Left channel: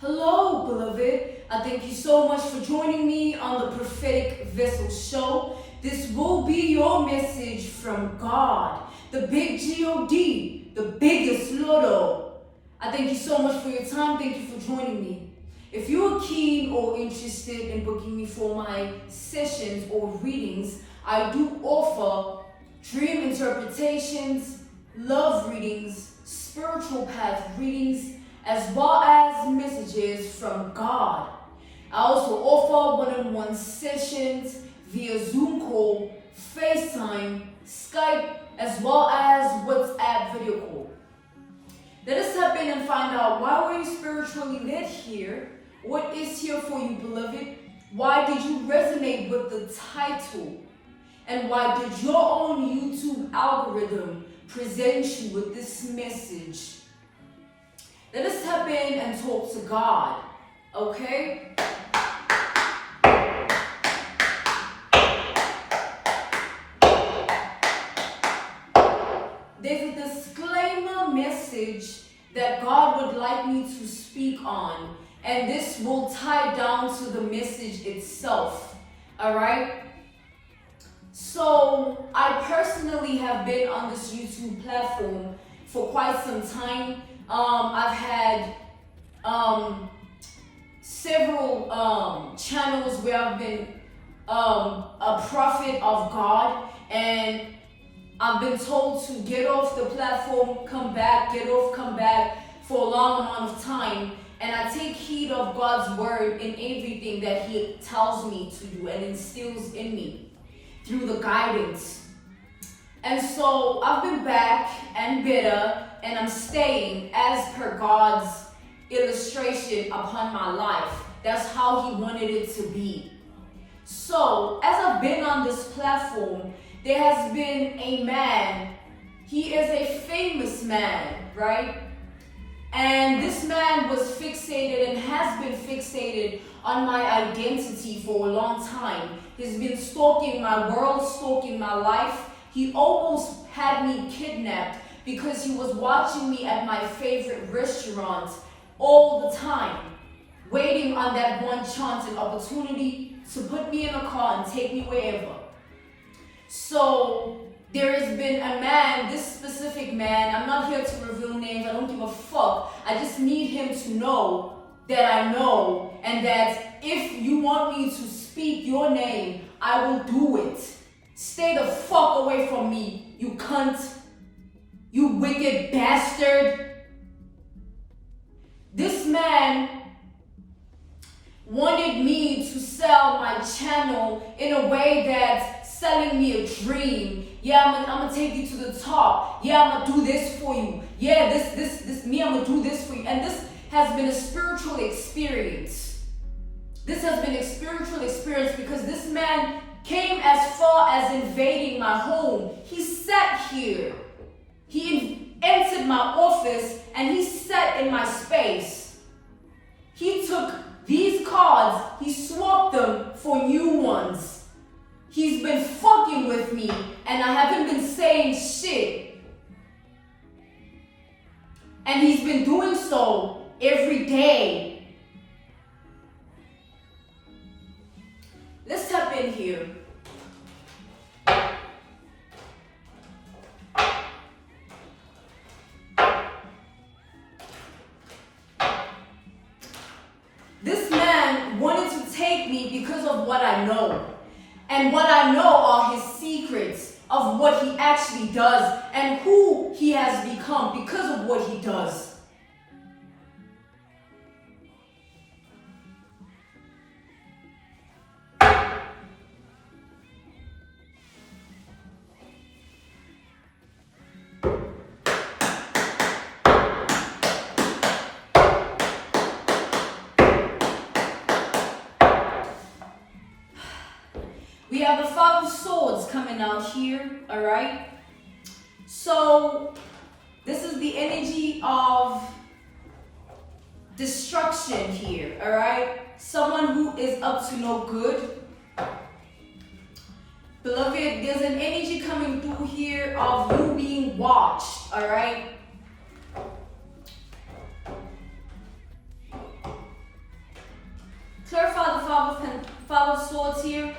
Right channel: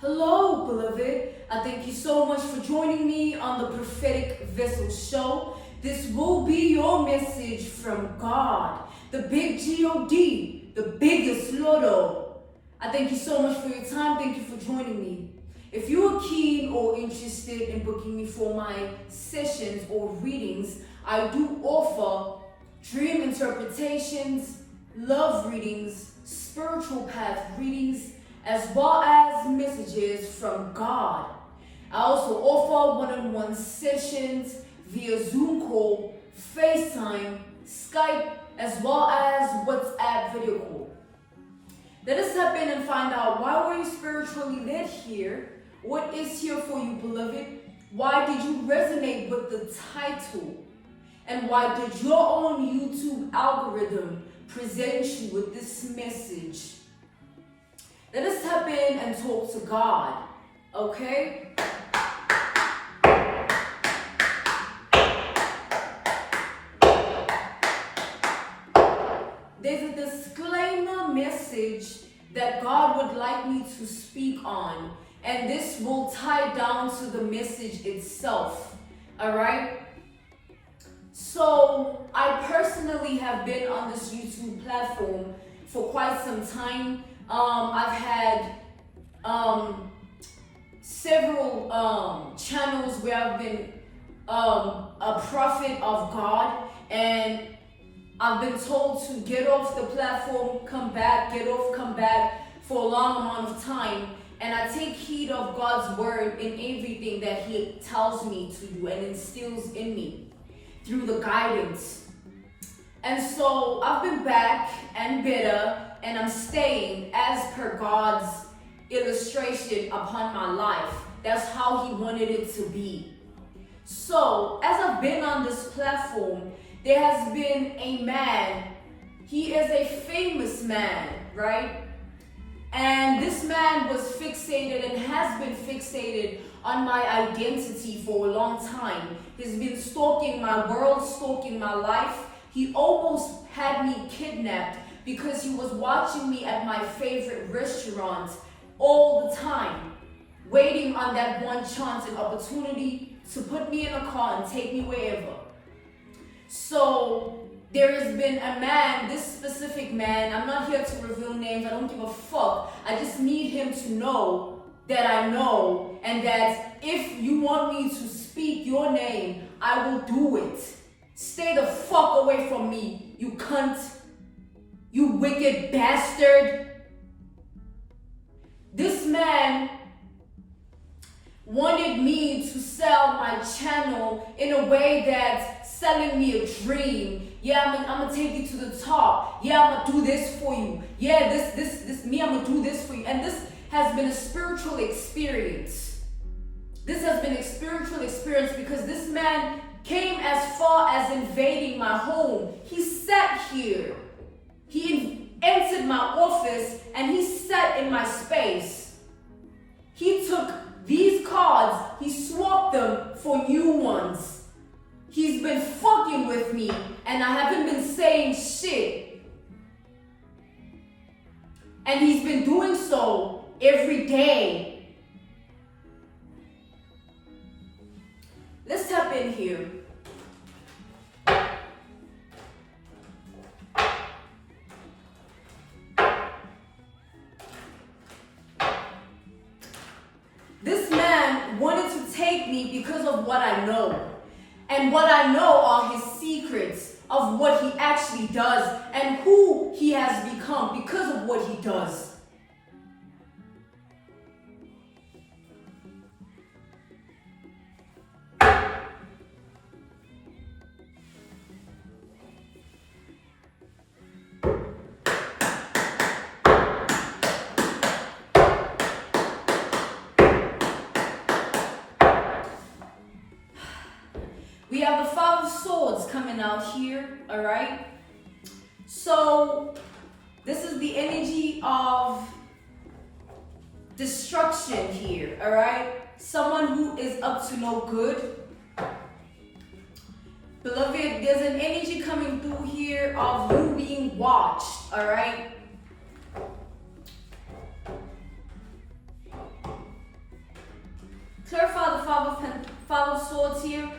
Hello, beloved. I thank you so much for joining me on the Prophetic Vessel Show. This will be your message from God, the big G-O-D, the biggest Lotto. I thank you so much for your time. Thank you for joining me. If you are keen or interested in booking me for my sessions or readings, I do offer dream interpretations, love readings, spiritual path readings, as well as messages from God. I also offer one-on-one sessions via Zoom call, FaceTime, Skype, as well as WhatsApp video call. Let us step in and find out, why were you spiritually led here? What is here for you, beloved? Why did you resonate with the title? And why did your own YouTube algorithm present you with this message? Let us tap in and talk to God, okay? There's a disclaimer message that God would like me to speak on, and this will tie down to the message itself, all right? So, I personally have been on this YouTube platform for quite some time. I've had several channels where I've been a prophet of God, and I've been told to get off the platform, come back, get off, come back for a long amount of time. And I take heed of God's word in everything that He tells me to do and instills in me through the guidance. And so I've been back and better, and I'm staying as per God's illustration upon my life. That's how He wanted it to be. So, as I've been on this platform, there has been a man. He is a famous man, right? And this man was fixated and has been fixated on my identity for a long time. He's been stalking my world, stalking my life. He almost had me kidnapped because he was watching me at my favorite restaurant all the time, waiting on that one chance and opportunity to put me in a car and take me wherever. So there has been a man, this specific man, I'm not here to reveal names, I don't give a fuck. I just need him to know that I know, and that if you want me to speak your name, I will do it. Stay the fuck away from me, you cunt. You wicked bastard. This man wanted me to sell my channel in a way that's selling me a dream. Yeah, I'm gonna take you to the top. Yeah, I'm gonna do this for you. Yeah, this me, I'm gonna do this for you. And this has been a spiritual experience. This has been a spiritual experience because this man came as far as invading my home. He sat here. He entered my office and he sat in my space. He took these cards, he swapped them for new ones. He's been fucking with me and I haven't been saying shit. And he's been doing so every day. Let's tap in here. This man wanted to take me because of what I know. And what I know are his secrets of what he actually does and who he has become because of what he does. We have the Five of Swords coming out here, all right? So, this is the energy of destruction here, all right? Someone who is up to no good. Beloved, there's an energy coming through here of you being watched, all right? Clarify the five of swords here.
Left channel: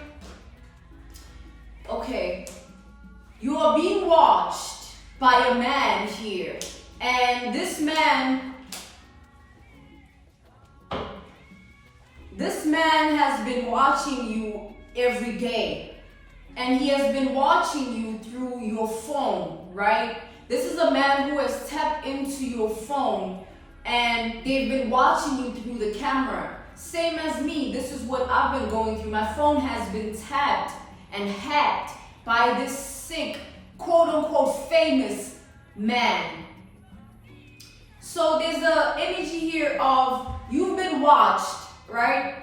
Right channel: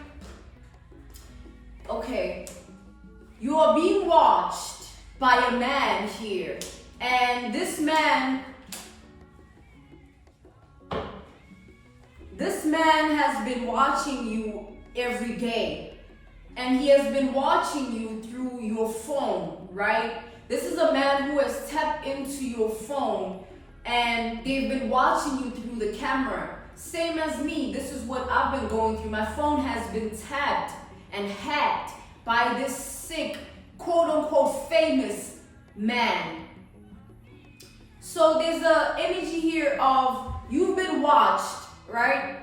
Okay. You are being watched by a man here. And this man has been watching you every day. And he has been watching you through your phone, right? This is a man who has tapped into your phone and they've been watching you through the camera. Same as me, this is what I've been going through. My phone has been tapped and hacked by this sick, quote-unquote famous man. So there's a energy here of you've been watched, right?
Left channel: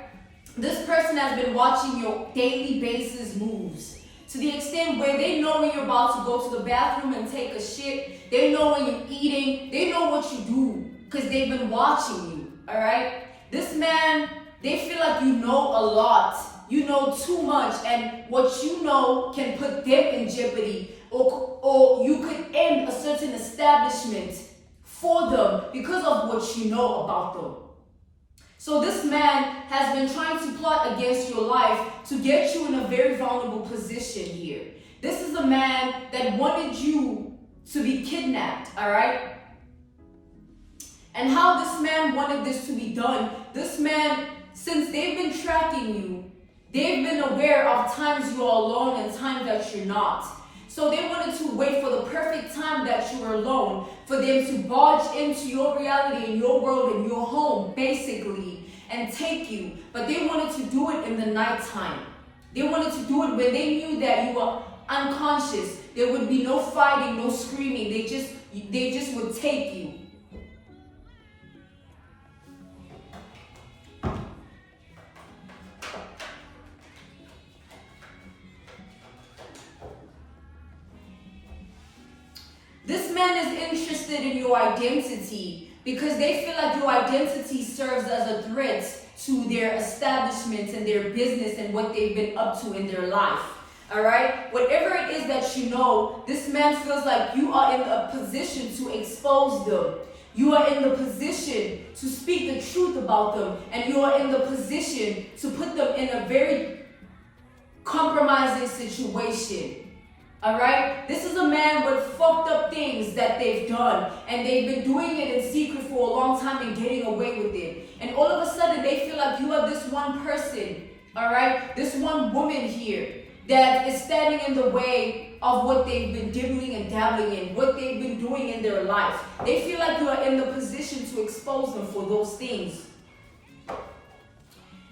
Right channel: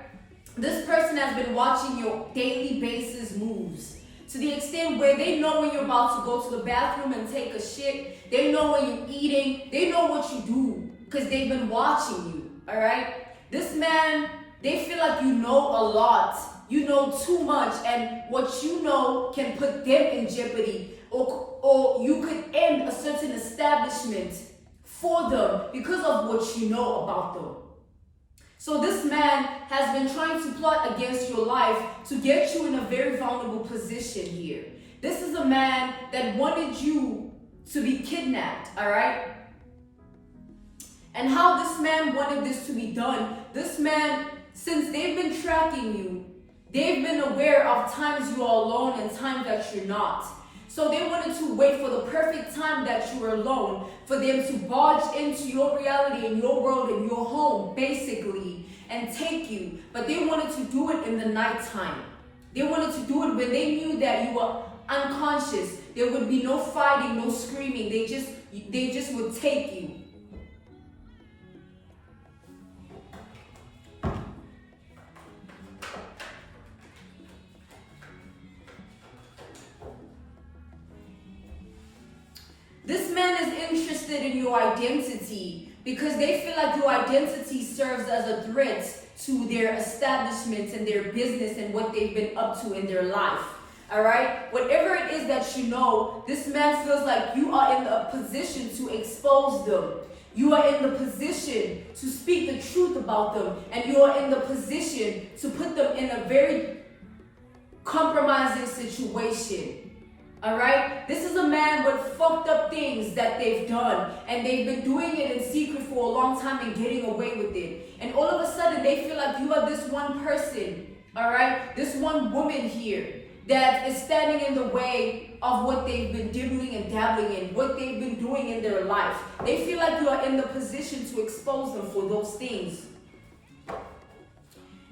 This person has been watching your daily basis moves to the extent where they know when you're about to go to the bathroom and take a shit. They know when you're eating. They know what you do because they've been watching you, all right? This man, they feel like you know a lot. You know too much, and what you know can put them in jeopardy, or you could end a certain establishment for them because of what you know about them. So this man has been trying to plot against your life to get you in a very vulnerable position here. This is a man that wanted you to be kidnapped, all right? And how this man wanted this to be done, this man, since they've been tracking you, they've been aware of times you are alone and times that you're not. So they wanted to wait for the perfect time that you were alone for them to barge into your reality and your world and your home, basically, and take you. But they wanted to do it in the nighttime. They wanted to do it when they knew that you were unconscious. There would be no fighting, no screaming. They just would take you. This man is interested in your identity because they feel like your identity serves as a threat to their establishments and their business and what they've been up to in their life. All right? Whatever it is that you know, this man feels like you are in a position to expose them. You are in the position to speak the truth about them, and you are in the position to put them in a very compromising situation. Alright? This is a man with fucked up things that they've done, and they've been doing it in secret for a long time and getting away with it. And all of a sudden they feel like you are this one person, alright? This one woman here that is standing in the way of what they've been dibbling and dabbling in, what they've been doing in their life. They feel like you are in the position to expose them for those things.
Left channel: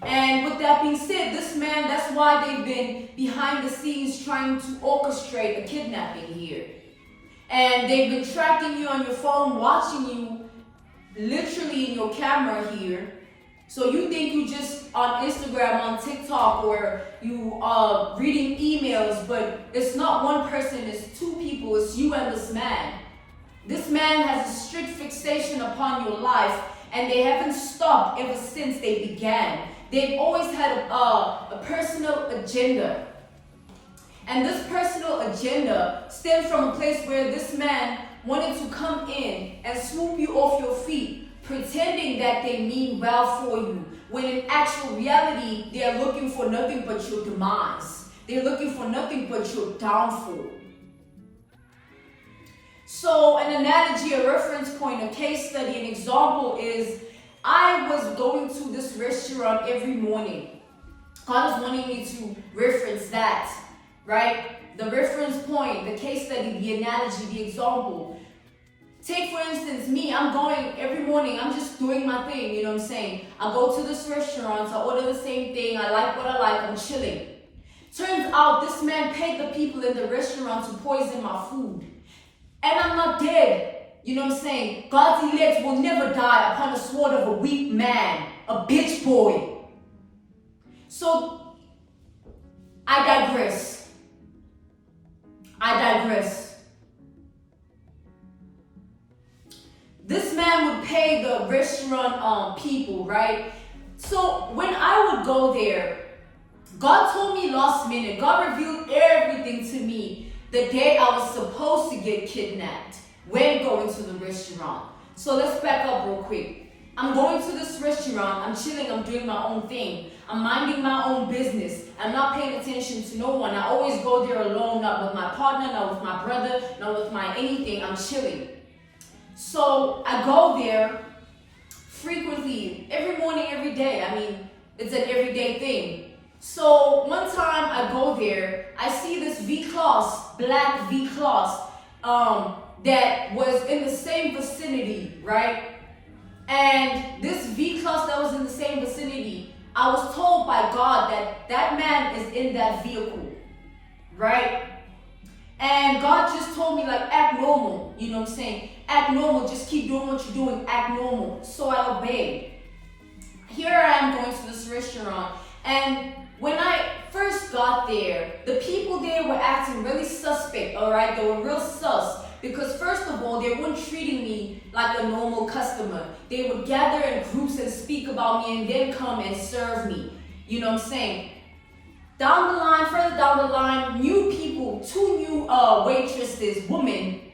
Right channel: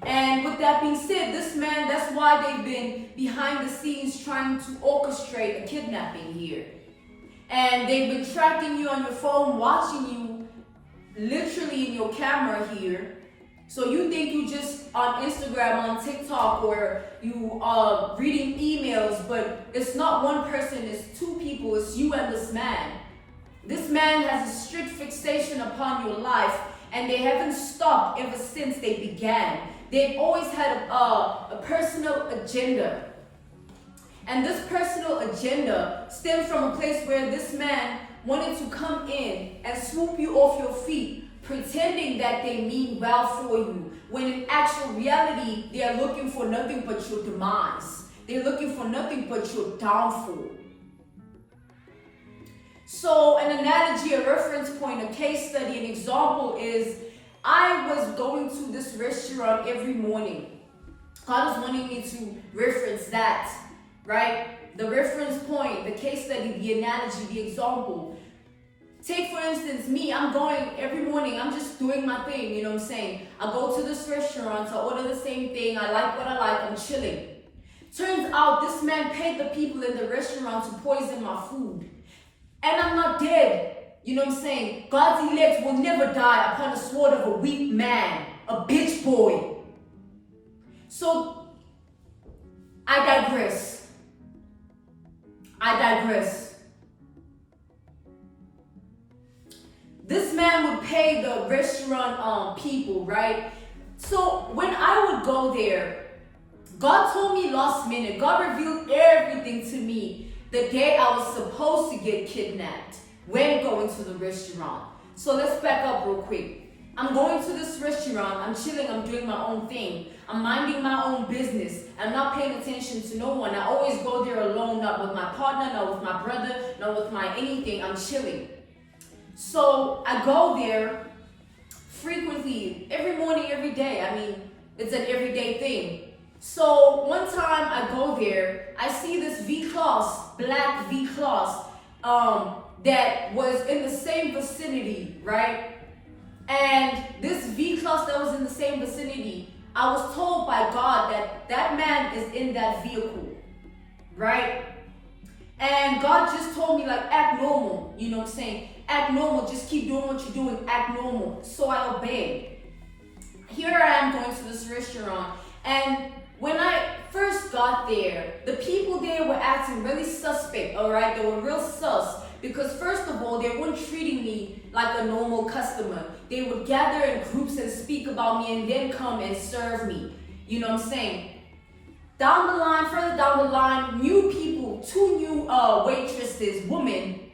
And with that being said, this man, that's why they've been behind the scenes trying to orchestrate a kidnapping here. And they've been tracking you on your phone, watching you literally in your camera here. So you think you just on Instagram, on TikTok, or you are reading emails, but it's not one person, it's two people, it's you and this man. This man has a strict fixation upon your life, and they haven't stopped ever since they began. They've always had a personal agenda. And this personal agenda stems from a place where this man wanted to come in and swoop you off your feet, pretending that they mean well for you, when in actual reality, they are looking for nothing but your demise. They're looking for nothing but your downfall. So an analogy, a reference point, a case study, an example is, I was going to this restaurant every morning. God is wanting me to reference that, right? The reference point, the case study, the analogy, the example. Take for instance me, I'm going every morning, I'm just doing my thing, you know what I'm saying? I go to this restaurant, I order the same thing, I like what I like, I'm chilling. Turns out this man paid the people in the restaurant to poison my food. And I'm not dead. You know what I'm saying? God's elect will never die upon the sword of a weak man, a bitch boy. So, I digress. This man would pay the restaurant people, right? So, when I would go there, God told me last minute, God revealed everything to me the day I was supposed to get kidnapped when going to the restaurant. So let's back up real quick. I'm going to this restaurant, I'm chilling, I'm doing my own thing. I'm minding my own business. I'm not paying attention to no one. I always go there alone, not with my partner, not with my brother, not with my anything. I'm chilling. So I go there frequently, every morning, every day. I mean, it's an everyday thing. So one time I go there, I see this V-Class, black V-Class, that was in the same vicinity, right? And this V-Class that was in the same vicinity, I was told by God that that man is in that vehicle, right? And God just told me, like, act normal, you know what I'm saying? Act normal, just keep doing what you're doing, act normal. So I obeyed. Here I am going to this restaurant, and when I first got there, the people there were acting really suspect, all right? They were real sus. Because first of all, they weren't treating me like a normal customer. They would gather in groups and speak about me and then come and serve me. You know what I'm saying? Down the line, further down the line, new people, 2 new waitresses, women,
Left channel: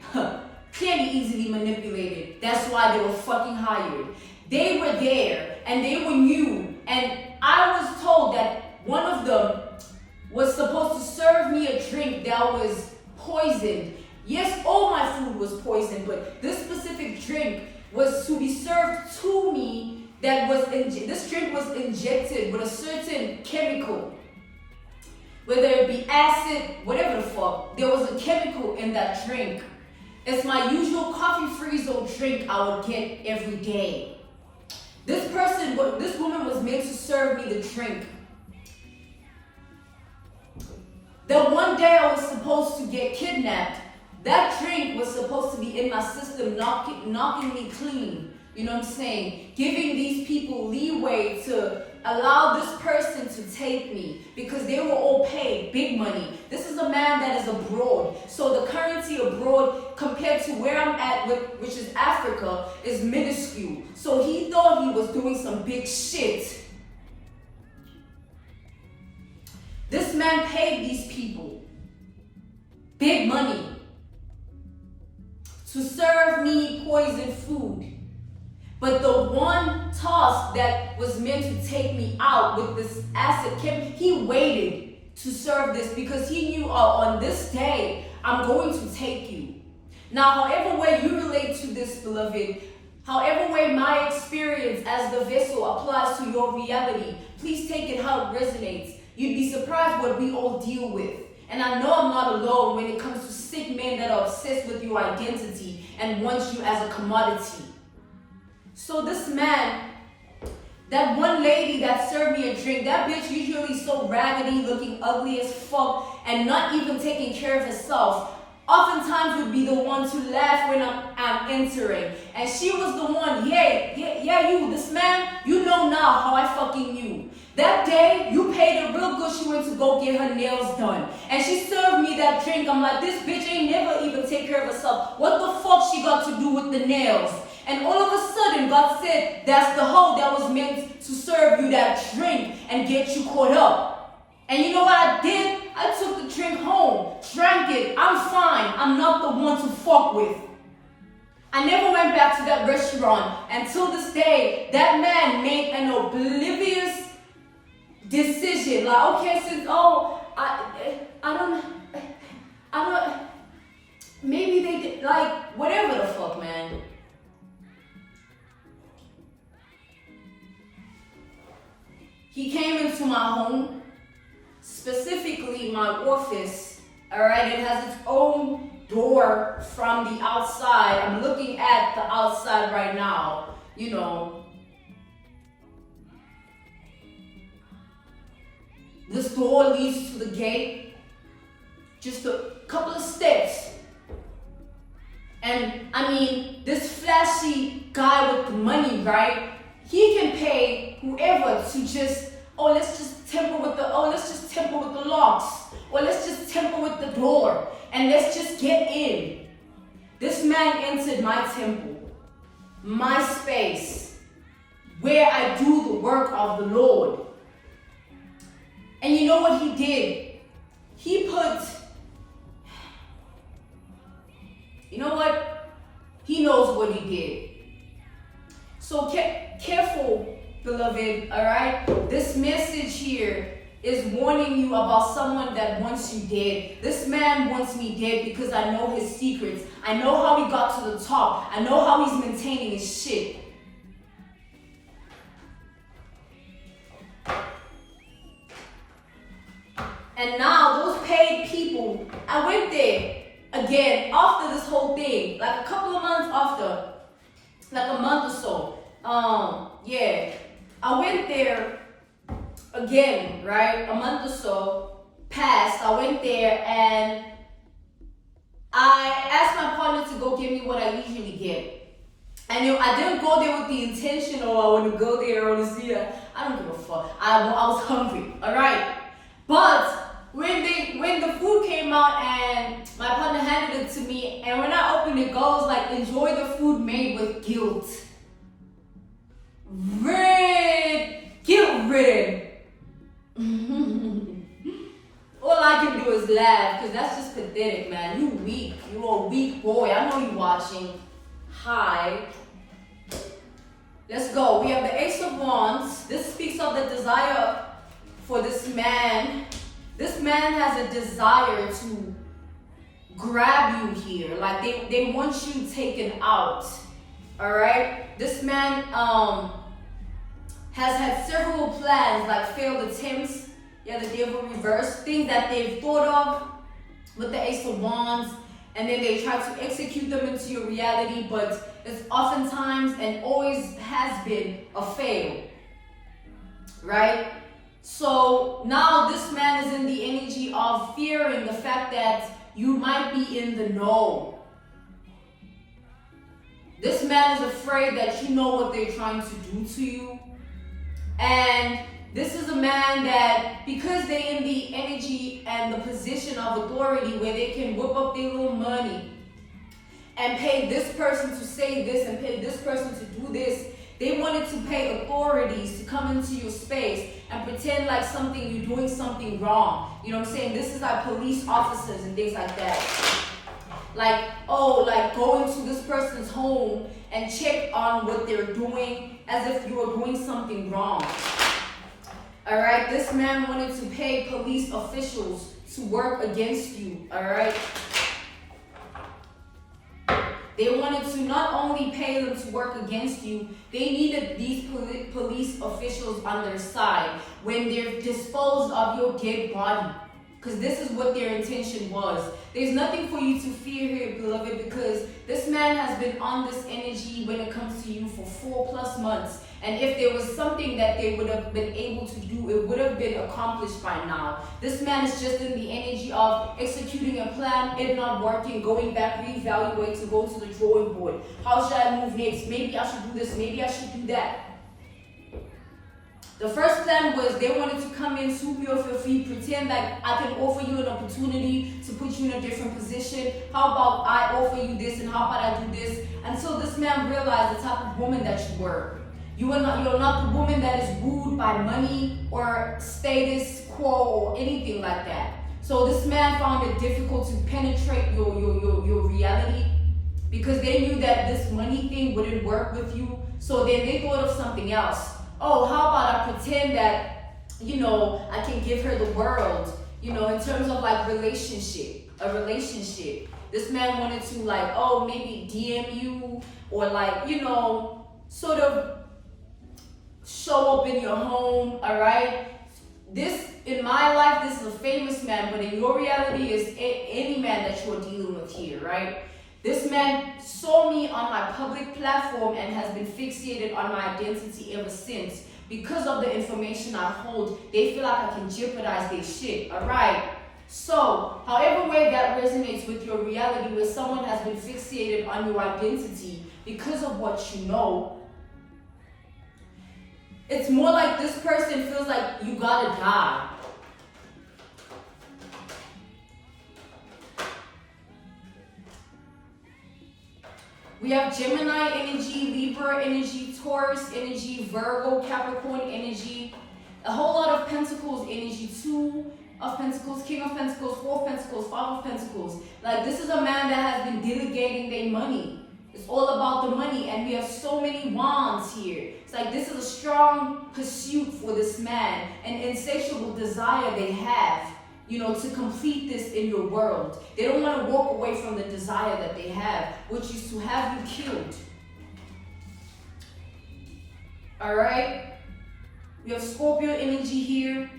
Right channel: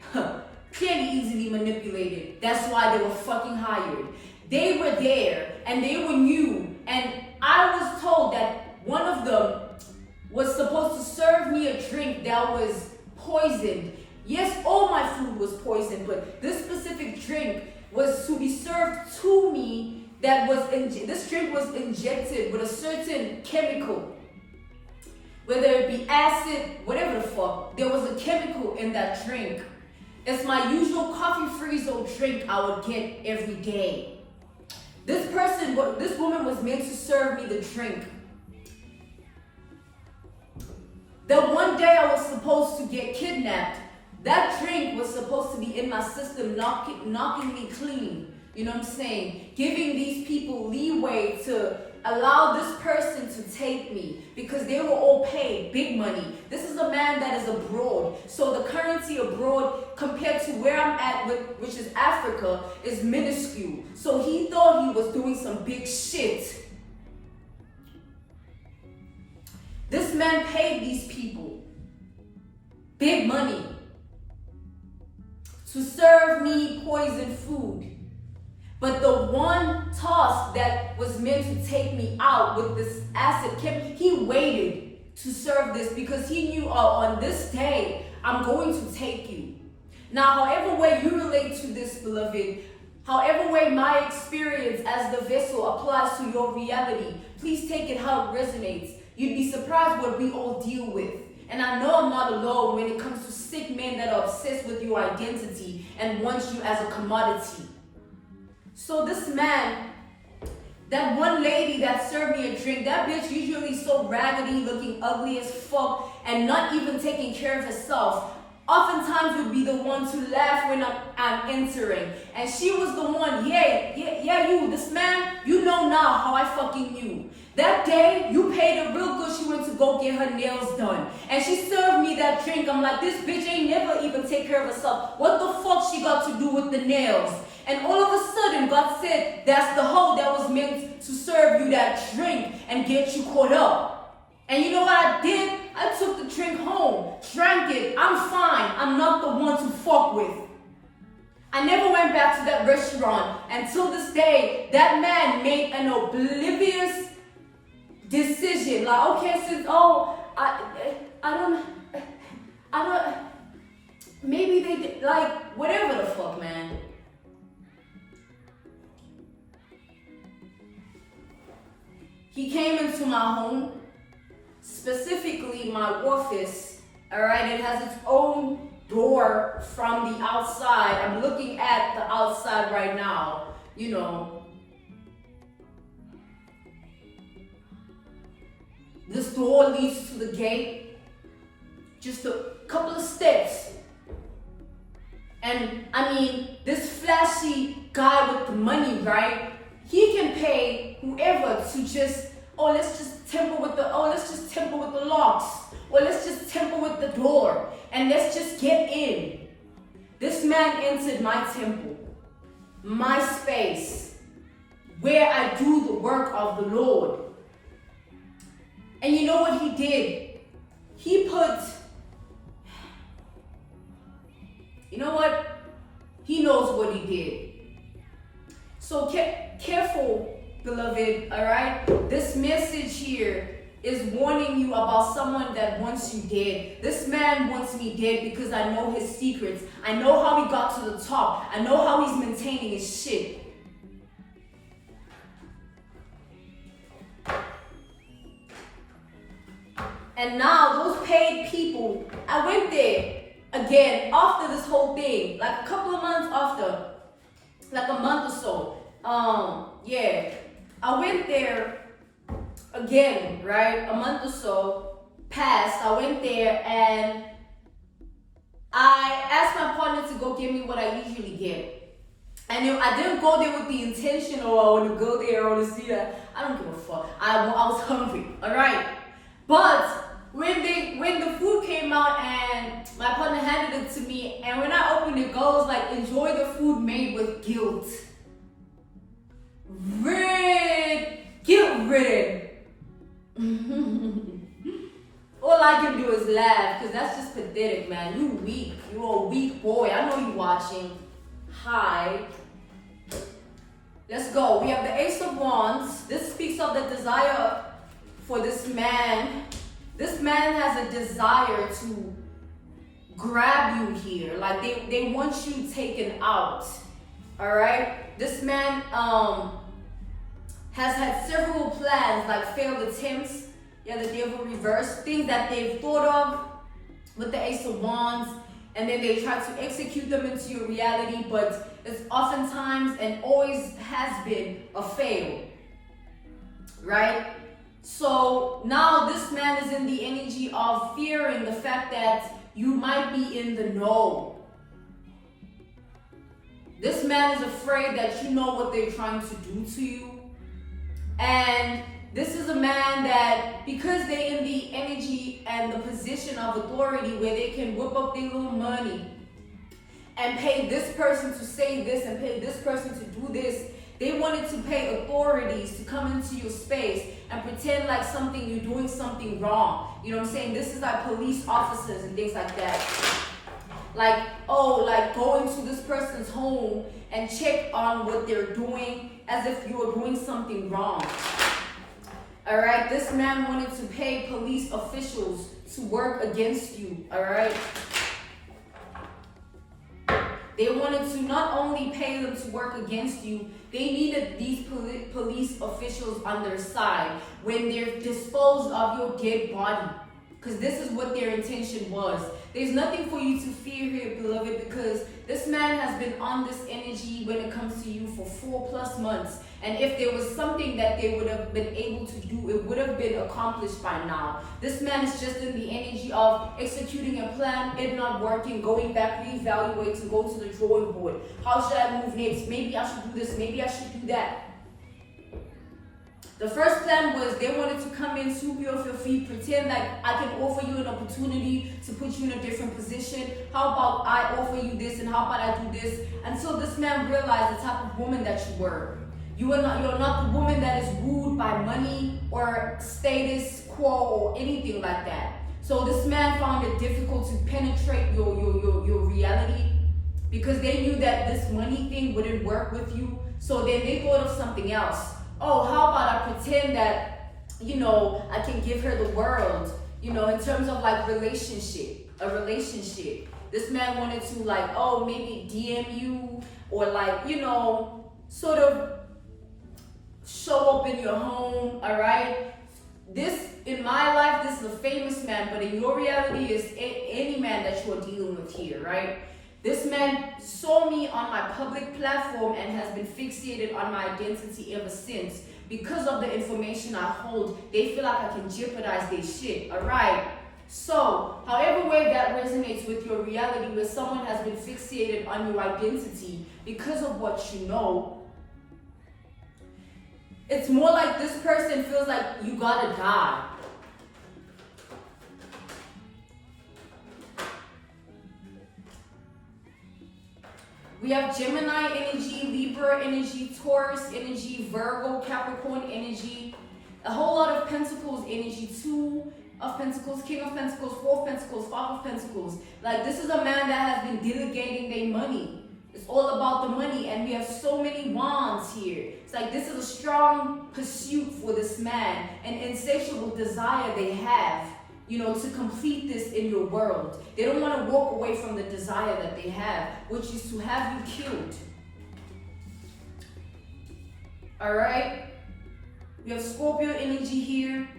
clearly easily manipulated. That's why they were fucking hired. They were there and they were new. And I was told that one of them was supposed to serve me a drink that was poisoned. Yes, all my food was poisoned, but this specific drink was to be served to me that was, this drink was injected with a certain chemical. Whether it be acid, whatever the fuck, there was a chemical in that drink. It's my usual coffee frizzle drink I would get every day. This woman was meant to serve me the drink. The one day I was supposed to get kidnapped, that drink was supposed to be in my system, knocking me clean. You know what I'm saying? Giving these people leeway to allow this person to take me because they were all paid big money. This is a man that is abroad. So the currency abroad compared to where I'm at, which is Africa, is minuscule. So he thought he was doing some big shit. This man paid these people big money to serve me poisoned food. But the one task that was meant to take me out with this acid he waited to serve this because he knew on this day, I'm going to take you. Now, however way you relate to this, beloved, however way my experience as the vessel applies to your reality, please take it how it resonates. You'd be surprised what we all deal with. And I know I'm not alone when it comes to sick men that are obsessed with your identity and want you as a commodity. So this man, that one lady that served me a drink, that bitch usually so raggedy, looking ugly as fuck, and not even taking care of herself, oftentimes would be the one to laugh when I'm entering. And she was the one, you, this man, you know now how I fucking knew. That day, you paid her real good. She went to go get her nails done. And she served me that drink. I'm like, this bitch ain't never even take care of herself. What the fuck she got to do with the nails? And all of a sudden, God said, that's the hoe that was meant to serve you that drink and get you caught up. And you know what I did? I took the drink home, drank it. I'm fine. I'm not the one to fuck with. I never went back to that restaurant until this day. That man made an oblivious decision. Like, okay, since, I don't, maybe they did, like, whatever the fuck, man. He came into my home, specifically my office, all right? It has its own door from the outside. I'm looking at the outside right now, you know. This door leads to the gate, just a couple of steps. And I mean, this flashy guy with the money, right? He can pay whoever to just, let's just temper with the locks, or let's just temper with the door, and let's just get in. This man entered my temple, my space, where I do the work of the Lord. And you know what he did? He knows what he did. So careful, beloved, all right? This message here is warning you about someone that wants you dead. This man wants me dead because I know his secrets. I know how he got to the top. I know how he's maintaining his shit. And now those paid people, I went there again after this whole thing, like a couple of months after, like a month or so. Yeah, I went there again, right? A month or so passed. I went there and I asked my partner to go give me what I usually get. And I didn't go there with the intention, oh, I want to go there, I want to see that. I don't give a fuck. I was hungry, all right? But when the food came out and my partner handed it to me, and when I opened it, God was like, enjoy the food made with guilt. Guilt-ridden. All I can do is laugh, because that's just pathetic, man. You weak. You're a weak boy. I know you watching. Hi. Let's go. We have the Ace of Wands. This speaks of the desire for this man. This man has a desire to grab you here. Like they want you taken out. Alright? This man has had several plans, like failed attempts. Yeah, the devil reversed. Things that they've thought of with the Ace of Wands. And then they try to execute them into your reality. But it's oftentimes and always has been a fail. Right? So now this man is in the energy of fearing the fact that you might be in the know. This man is afraid that you know what they're trying to do to you. And this is a man that, because they're in the energy and the position of authority where they can whip up their little money and pay this person to say this and pay this person to do this, they wanted to pay authorities to come into your space and pretend like you're doing something wrong. You know what I'm saying? This is like police officers and things like that. Like, go into this person's home and check on what they're doing as if you're doing something wrong. All right? This man wanted to pay police officials to work against you. All right? They wanted to not only pay them to work against you, they needed these police officials on their side when they're disposed of your dead body. Because this is what their intention was. There's nothing for you to fear here, beloved, because this man has been on this energy when it comes to you for 4+ months. And if there was something that they would have been able to do, it would have been accomplished by now. This man is just in the energy of executing a plan, it not working, going back, reevaluate, to go to the drawing board. How should I move next? Maybe I should do this, maybe I should do that. The first plan was they wanted to come in, sweep you off your feet, pretend like I can offer you an opportunity to put you in a different position. How about I offer you this, and how about I do this? Until this man realized the type of woman that you were. You're not the woman that is wooed by money or status quo or anything like that. So this man found it difficult to penetrate your reality because they knew that this money thing wouldn't work with you. So then they thought of something else. Oh, how about I pretend that, I can give her the world, in terms of like a relationship. This man wanted to maybe DM you or sort of show up in your home, all right? This, in my life, this is a famous man, but in your reality is any man that you're dealing with here, right? This man saw me on my public platform and has been fixated on my identity ever since. Because of the information I hold, they feel like I can jeopardize their shit, all right? So, however way that resonates with your reality, where someone has been fixated on your identity because of what you know, it's more like this person feels like you gotta die. We have Gemini energy, Libra energy, Taurus energy, Virgo, Capricorn energy, a whole lot of Pentacles energy, 2 of Pentacles, King of Pentacles, 4 of Pentacles, 5 of Pentacles. Like, this is a man that has been delegating their money. It's all about the money, and we have so many wands here. It's like this is a strong pursuit for this man, an insatiable desire they have, to complete this in your world. They don't want to walk away from the desire that they have, which is to have you killed. All right? We have Scorpio energy here.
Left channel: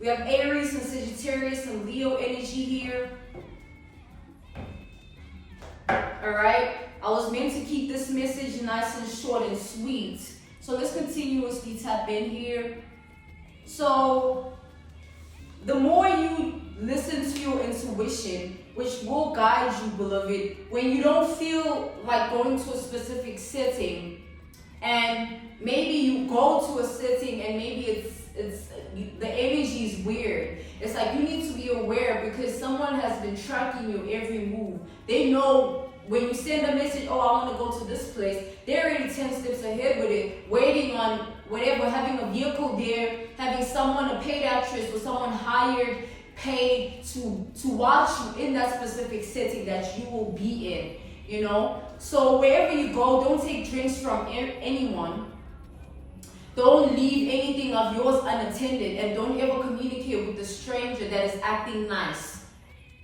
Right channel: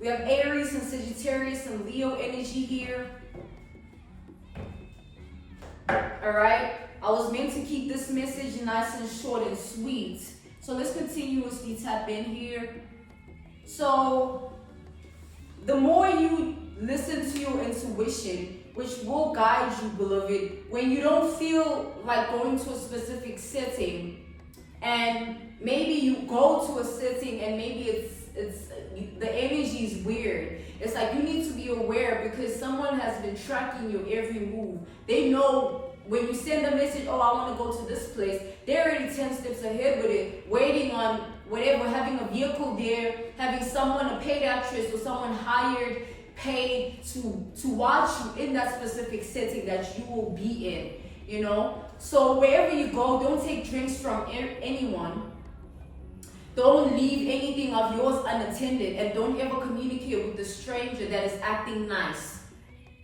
We have Aries and Sagittarius and Leo energy here. Alright? I was meant to keep this message nice and short and sweet. So let's continuously tap in here. So, the more you listen to your intuition, which will guide you, beloved, when you don't feel like going to a specific setting, and maybe you go to a setting and maybe the energy is weird. It's like you need to be aware, because someone has been tracking your every move. They know when you send a message, oh, I want to go to this place, they're already 10 steps ahead with it, waiting on whatever, having a vehicle there, having someone, a paid actress or someone hired, paid to watch you in that specific setting that you will be in, So wherever you go, don't take drinks from anyone. Don't leave anything of yours unattended, and don't ever communicate with a stranger that is acting nice.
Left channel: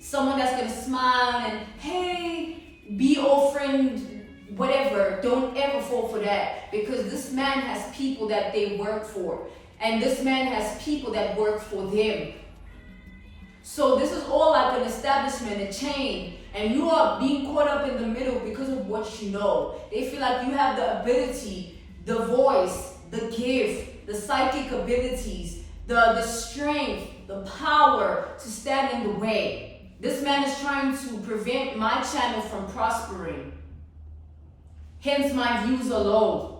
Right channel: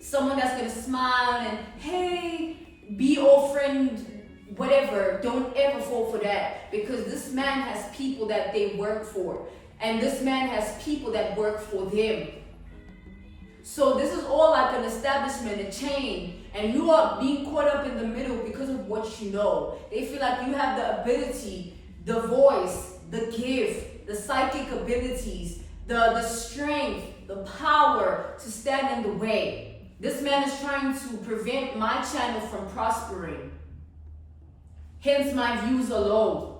Someone that's going to smile and, hey, be all friend, whatever. Don't ever fall for that, because this man has people that they work for, and this man has people that work for them. So this is all like an establishment, a chain, and you are being caught up in the middle because of what you know. They feel like you have the ability, the voice, the gift, the psychic abilities, the strength, the power to stand in the way. This man is trying to prevent my channel from prospering. Hence my views are low.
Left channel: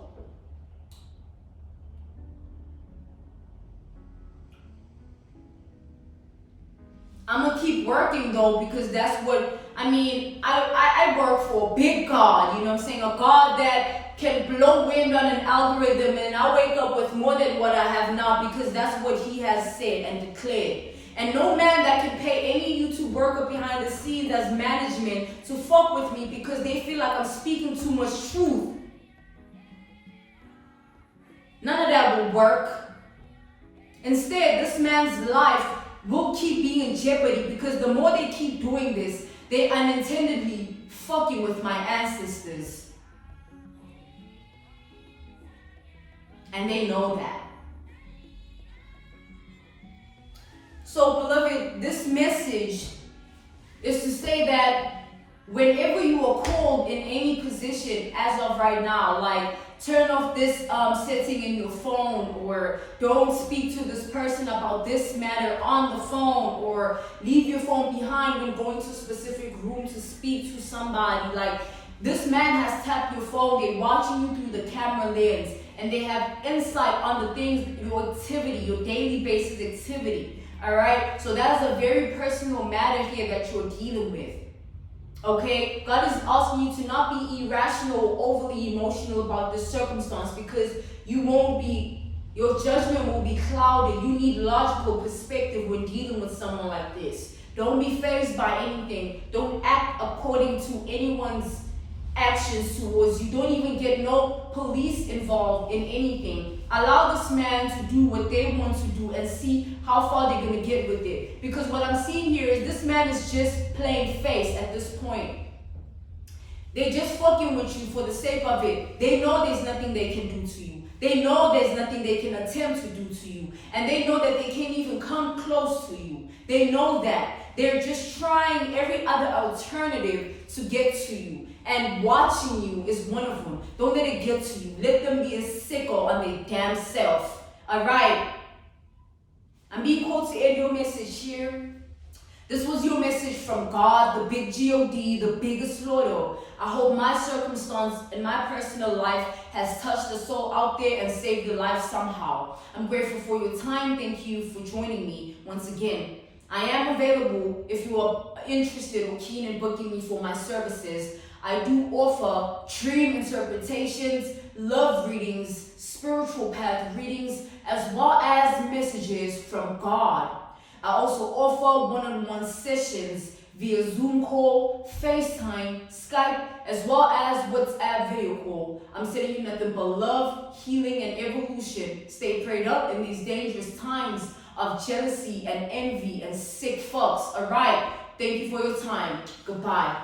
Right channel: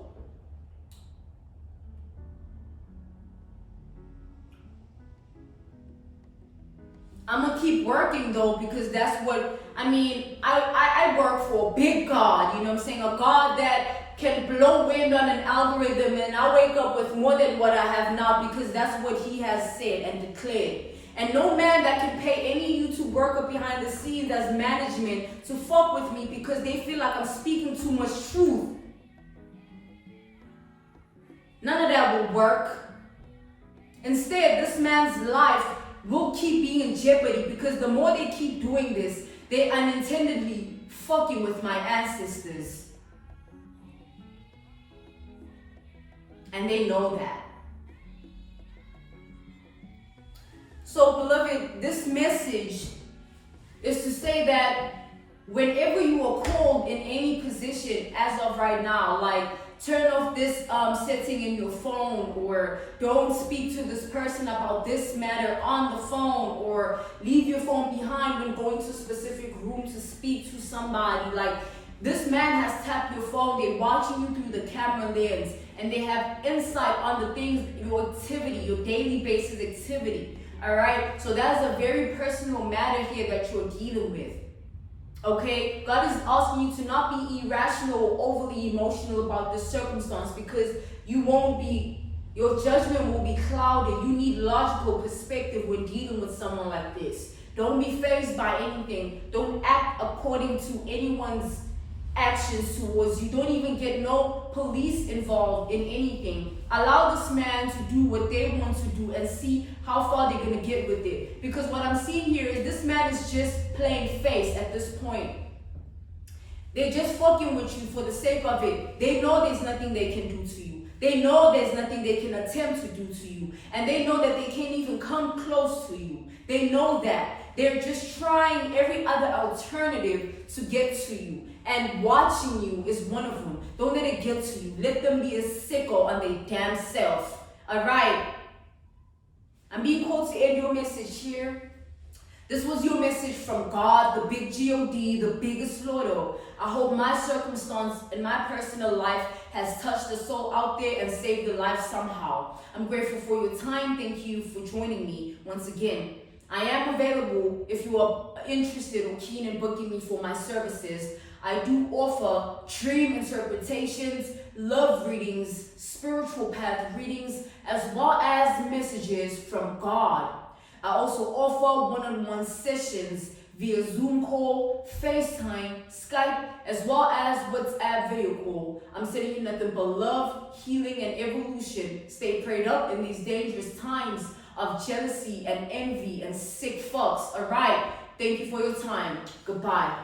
I'm gonna keep working though, because that's what, I work for a big God, you know what I'm saying? A God that can blow wind on an algorithm, and I wake up with more than what I have now, because that's what he has said and declared. And no man that can pay any YouTube worker behind the scenes as management to fuck with me, because they feel like I'm speaking too much truth. None of that will work. Instead, this man's life will keep being in jeopardy, because the more they keep doing this, they unintendedly fucking with my ancestors. And they know that. So, beloved, this message is to say that whenever you are called in any position as of right now, like turn off this setting in your phone, or don't speak to this person about this matter on the phone, or leave your phone behind when going to a specific room to speak to somebody. Like, this man has tapped your phone, they're watching you through the camera lens, and they have insight on the things, your activity, your daily basis activity. All right, so that is a very personal matter here that you're dealing with. Okay, God is asking you to not be irrational or overly emotional about this circumstance, because you won't be, your judgment will be clouded. You need logical perspective when dealing with someone like this. Don't be fazed by anything. Don't act according to anyone's actions towards you. Don't even get no police involved in anything. Allow this man to do what they want to do and see how far they're going to get with it. Because what I'm seeing here is this man is just playing face at this point. They're just fucking with you for the sake of it. They know there's nothing they can do to you. They know there's nothing they can attempt to do to you. And they know that they can't even come close to you. They know that. They're just trying every other alternative to get to you. And watching you is one of them. Don't let it get to you. Let them be a sicko on their damn self. Alright? I'm being called to end your message here. This was your message from God, the big G-O-D, the biggest Lord. I hope my circumstance in my personal life has touched a soul out there and saved a life somehow. I'm grateful for your time. Thank you for joining me once again. I am available if you are interested or keen in booking me for my services. I do offer dream interpretations, love readings, spiritual path readings, as well as messages from God. I also offer one-on-one sessions via Zoom call, FaceTime, Skype, as well as WhatsApp video call. I'm sending you nothing but love, healing, and evolution. Stay prayed up in these dangerous times of jealousy and envy and sick fucks. All right. Thank you for your time. Goodbye.